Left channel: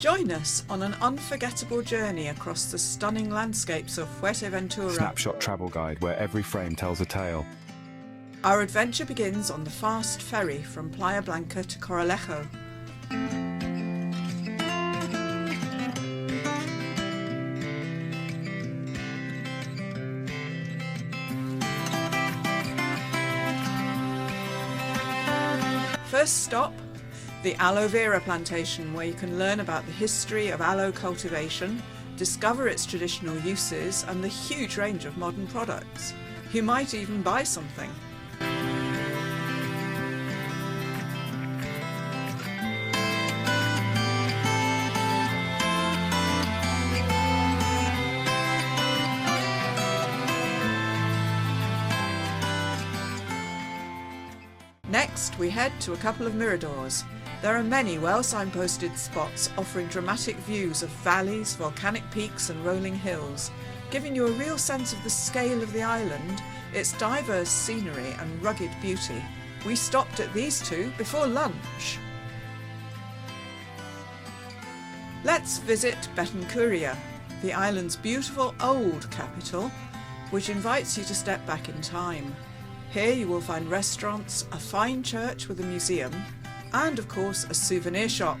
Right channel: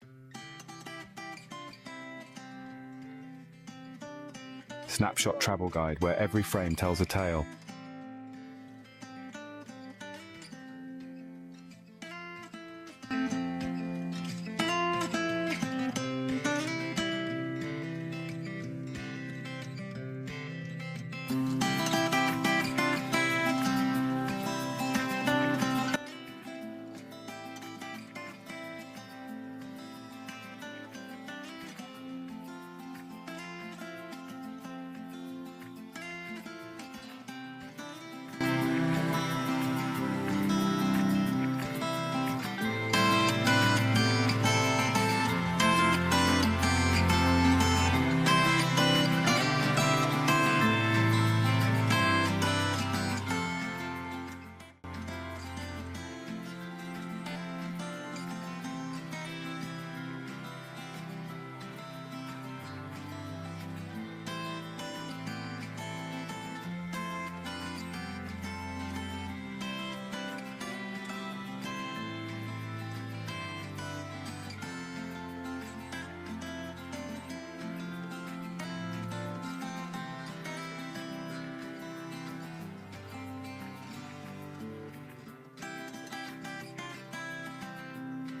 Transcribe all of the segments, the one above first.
Join us on an unforgettable journey across the stunning landscapes of Fuerteventura. Snapshot travel guide where every frame tells a tale. Our adventure begins on the fast ferry from Playa Blanca to Coralejo. First stop, the Aloe Vera plantation, where you can learn about the history of aloe cultivation, discover its traditional uses and the huge range of modern products. You might even buy something. Next, we head to a couple of miradors. There are many well signposted spots offering dramatic views of valleys, volcanic peaks and rolling hills, giving you a real sense of the scale of the island, its diverse scenery and rugged beauty. We stopped at these two before lunch. Let's visit Betancuria, the island's beautiful old capital, which invites you to step back in time. Here you will find restaurants, a fine church with a museum, and of course a souvenir shop.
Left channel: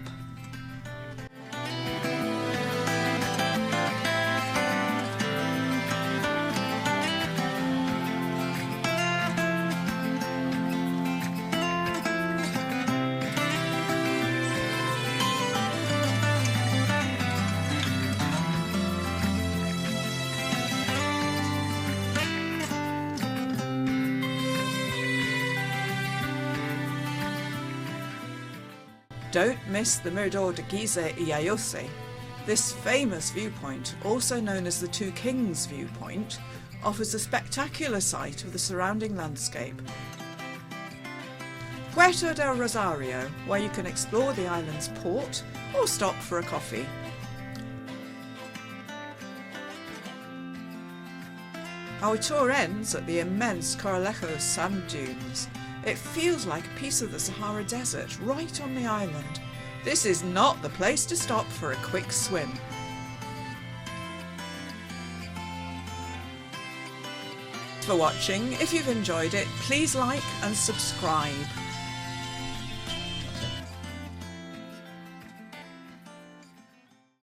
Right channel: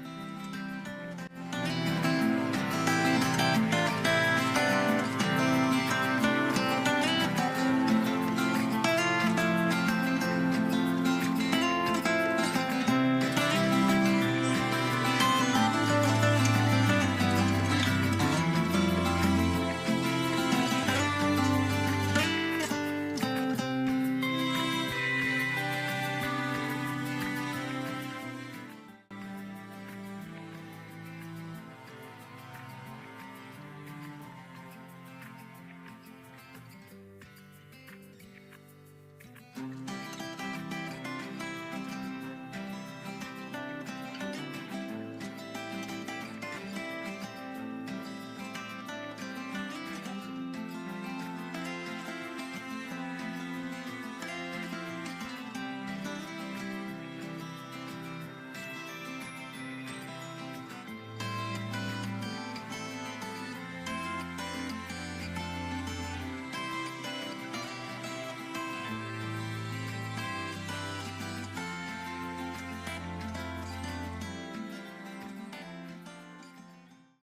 Don't miss the Mirador Degollada. This famous viewpoint, also known as the Two Kings viewpoint, offers a spectacular sight of the surrounding landscape. Puerto del Rosario, where you can explore the island's port or stop for a coffee. Our tour ends at the immense Coralejo sand dunes. It feels like a piece of the Sahara Desert right on the island. This is not the place to stop for a quick swim. Thanks for watching. If you've enjoyed it, please like and subscribe.